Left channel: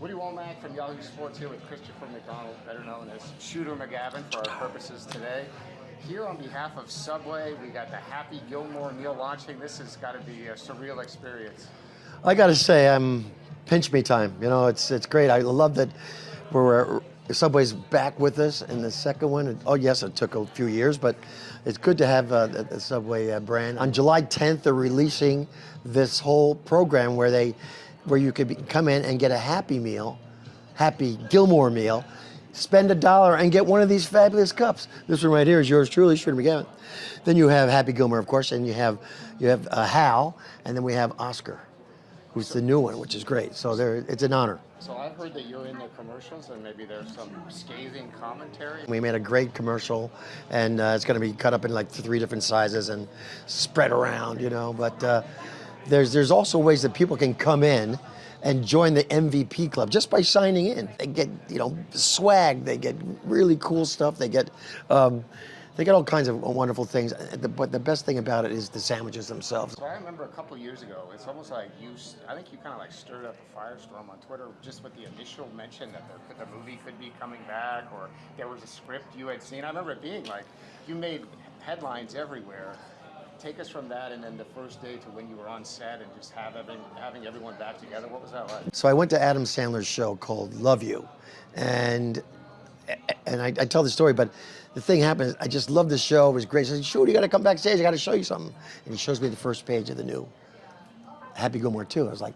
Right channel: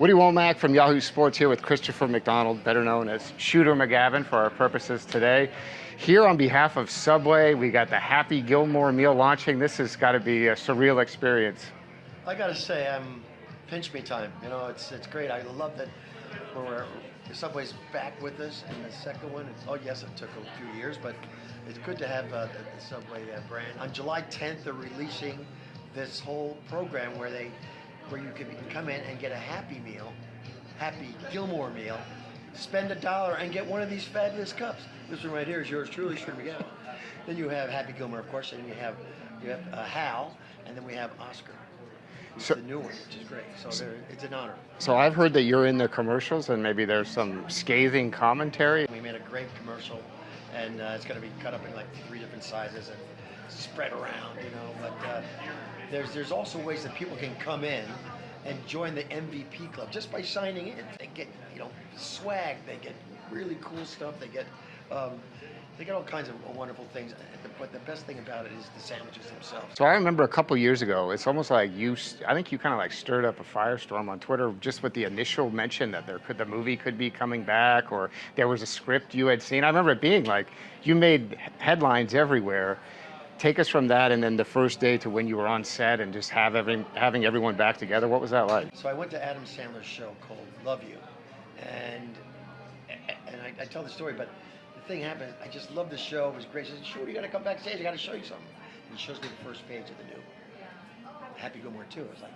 Woody Wommack from Yahoo Sports here with Christopher McDonald, better known as Shooter McGavin for our purposes today. Here on behalf of Subway, we got the Happy Gilmore meal launching. This has got to be a surreal experience. I got to say, pinch me time. You know, it's great. I love that Subway's back with us in the second one. Oh yes, it took a few years, but it's good to have the Subway brand. On July 10th, they're releasing this whole program where you could come in and get a Happy Meal, Happy Gilmore meal, spend $1 and get one of these fabulous cups. This one right here is yours truly, Shooter McGavin. Then you have Happy Gilmore, of course, and you have Hal, and then we have Oscar, who's the new one, which is great. So it's an honor. So I've heard that you're in the commercials and maybe there's some scathing commentary. We made a great commercial, and it's going to be cut up in like 3 different sizes and spread around, you know. But there's also ways that people can come in and join the MVP club just by signing in. They get, you know, swag. They get really cool stuff. They get all kinds of wonderful things. But the best thing about it is the sandwiches themselves. So I remember a couple years ago, it's almost like I think you kind of like stirred up a firestorm on Twitter just with the initial mention that the movie could be coming back, or there was a script you had seen. I remember it being like, you made headlines everywhere. Take us from that and then the first day to when you were on set and just having everyone back together. What was that like? So I went to Adam Sandler's show called Love You, and I tell the story, but the thing happened, I just loved the show. It was great. I said, "Shoot, you got to come backstage. I got to show you something." And he shows me the first page of the new Happy Gilmore 2. I was like,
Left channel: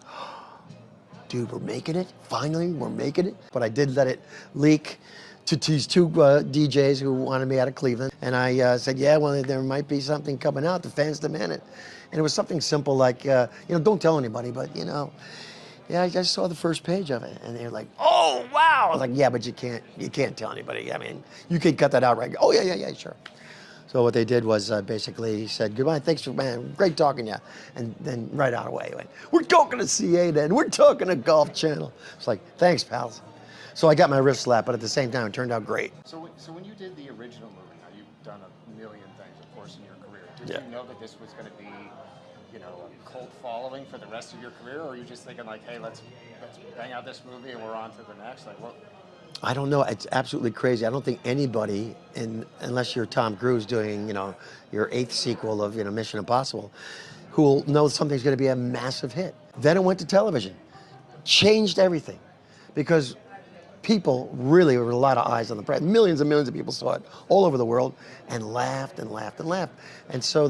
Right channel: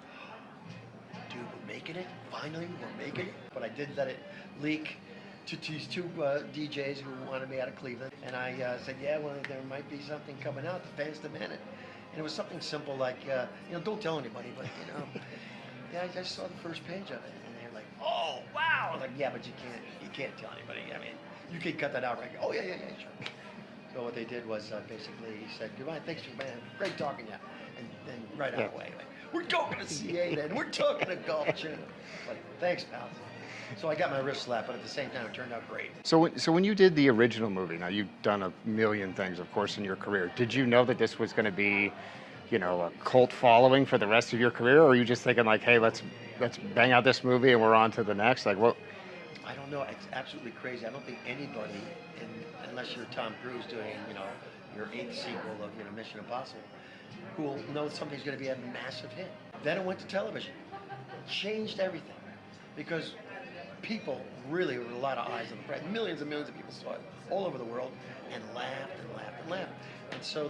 dude, we're making it. Finally, we're making it. But I did let it leak to these 2 DJs who wanted me out of Cleveland. And I said, yeah, well, there might be something coming out. The fans demand it. And it was something simple like, you know, don't tell anybody, but, you know, yeah, I just saw the first page of it. And they were like, oh, wow. I was like, yeah, but you can't tell anybody. I mean, you could cut that out, right? Oh, yeah, sure. So what they did was basically said, goodbye, thanks for, man, great talking to you. And then right out of the way, like, we're talking to CA then, we're talking to Golf Channel. It's like, thanks, pals. So I got my wrist slapped, but at the same time, it turned out great. So when you did the original movie, now you've done a million things, of course, in your career. Did you know that this was going to be, you know, a cult following for the rest of your career, or were you just thinking like, hey, let's bang out this movie and we're on to the next? Like, what? I don't know. It's absolutely crazy. I don't think anybody, unless you're Tom Cruise doing, you know, your 8th sequel of, you know, Mission Impossible, who will know something's going to be a massive hit. Then it went to television, changed everything, because people really, there were a lot of eyes on the press. Millions and millions of people saw it all over the world and laughed and laughed and laughed. And so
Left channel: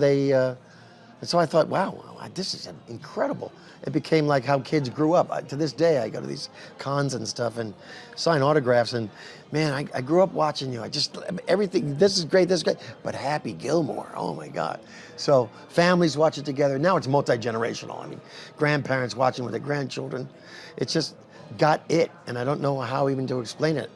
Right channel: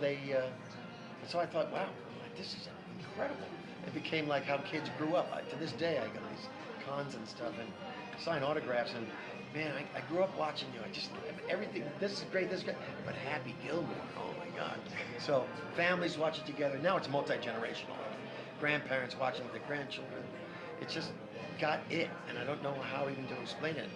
so I thought, wow, this is incredible. It became like how kids grew up. To this day, I go to these cons and stuff and sign autographs. And man, I grew up watching you. Everything, this is great, but Happy Gilmore, oh my God. So families watch it together. Now it's multi-generational. I mean, grandparents watching with their grandchildren. It's just got it, and I don't know how even to explain it.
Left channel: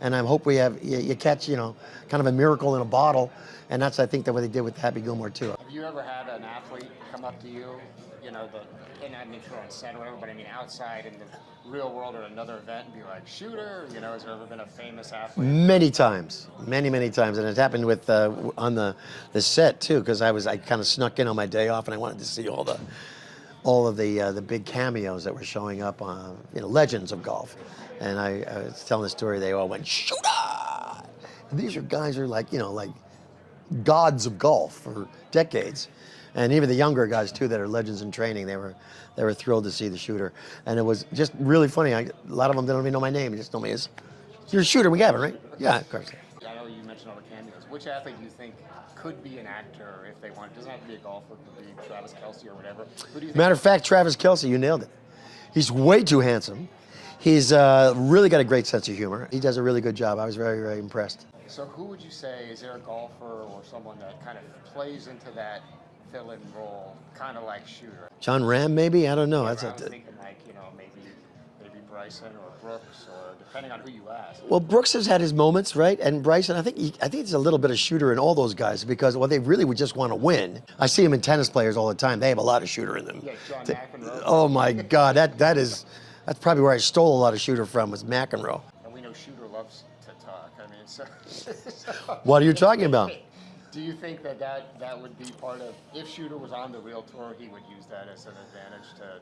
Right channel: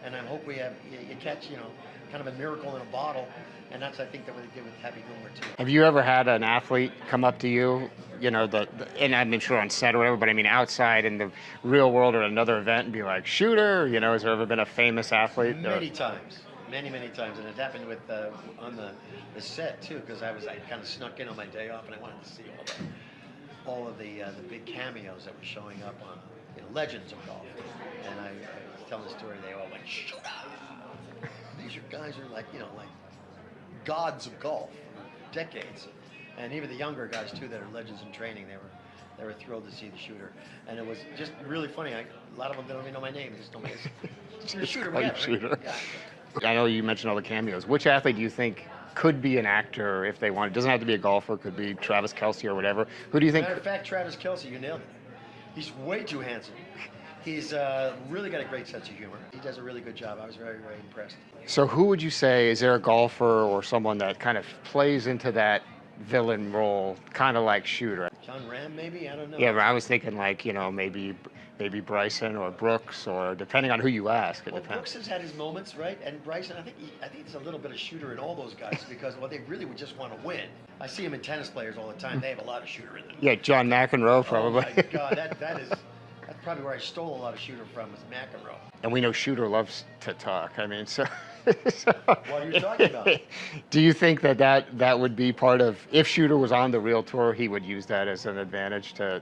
And I hope you catch, you know, kind of a miracle in a bottle, and that's, I think, what they did with Happy Gilmore too. Have you ever had an athlete come up to you, you know, and I'm sure on set or whatever, but I mean outside in the real world or another event and be like, Shooter, you know, has there ever been a famous athlete? Many times, many times, and it happened with on the set too, because I kind of snuck in on my day off and I wanted to see all of the big cameos that were showing up on, you know, legends of golf. And I was telling the story, they all went, Shooter! These are guys who are like, you know, like gods of golf for decades. And even the younger guys too that are legends in training, they were thrilled to see the Shooter. And it was just really funny. A lot of them don't even know my name, they just know me as Shooter McGavin, right? Shooter. Yeah, of course. I know you mentioned all the cameos. Which athlete do you think could be an actor if they want? It doesn't have to be a golfer, could be Travis Kelce or whatever. Who do you think? Matter of fact, Travis Kelce, you nailed it. He's way too handsome. He's really got a great sense of humor. He does a really good job. I was very, very impressed. So who would you say, is there a golfer or someone that kind of plays into that villain role, kind of like Shooter? John Ram, maybe? I don't know. Yeah, I was thinking like, you know, maybe Bryson or Brooks, or depending on who you ask. Well, Brooks has had his moments, right? And Bryson, I think there's a little bit of Shooter in all those guys because, well, they really would just want to win. I see them in tennis players all the time. They have a lot of Shooter in them. Yeah, John McEnroe. Oh my God, that's probably where I stole a lot of Shooter from, was McEnroe. And we know Shooter loves to talk. I mean, so what are you talking about? Do you think that would be part of, if Shooter was on the real tour, he would use that as an advantage to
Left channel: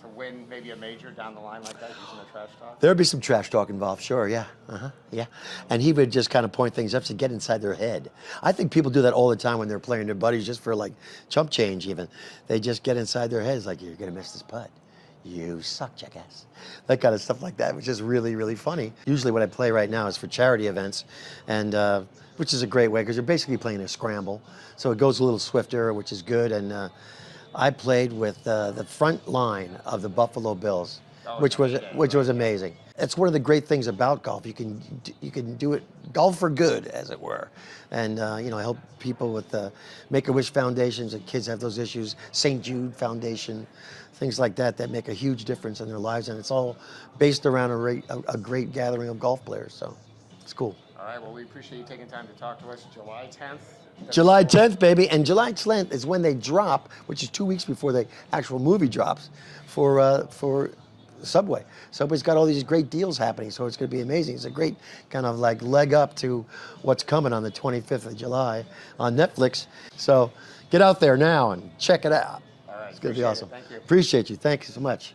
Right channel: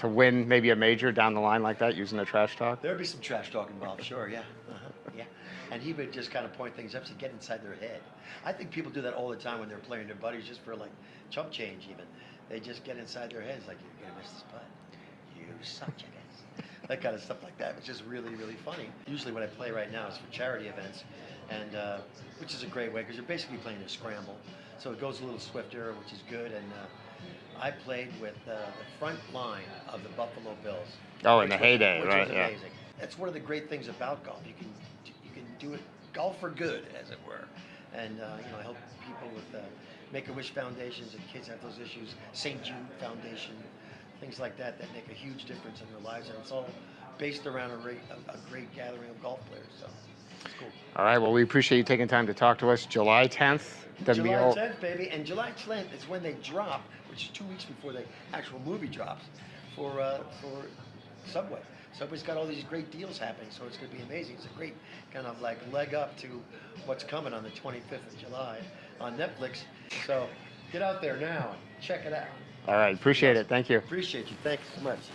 to win maybe a major down the line like that using the trash talk? There'd be some trash talk involved, sure, yeah. Yeah. And he would just kind of point things up to get inside their head. I think people do that all the time when they're playing their buddies just for like chump change even. They just get inside their heads like, you're going to miss this putt. You suck, jackass. That kind of stuff like that, which is really, really funny. Usually what I play right now is for charity events, and which is a great way because you're basically playing a scramble. So it goes a little swifter, which is good. And I played with the front line of the Buffalo Bills, which was amazing. That's one of the great things about golf. You can do it golf for good, as it were, and help people with the Make-A-Wish foundations and kids have those issues. St. Jude Foundation, things like that make a huge difference in their lives, and it's all based around a great gathering of golf players. So it's cool. All right. Well, we appreciate you taking time to talk to us. July 10th. July 10th, baby, and July 10th is when they drop, which is 2 weeks before the actual movie drops, for Subway. Subway's got all these great deals happening, so it's going to be amazing. It's a great kind of like leg up to what's coming on the 25th of July on Netflix. So get out there now and check it out. All right, appreciate it. Thank you. Appreciate you. Thanks so much.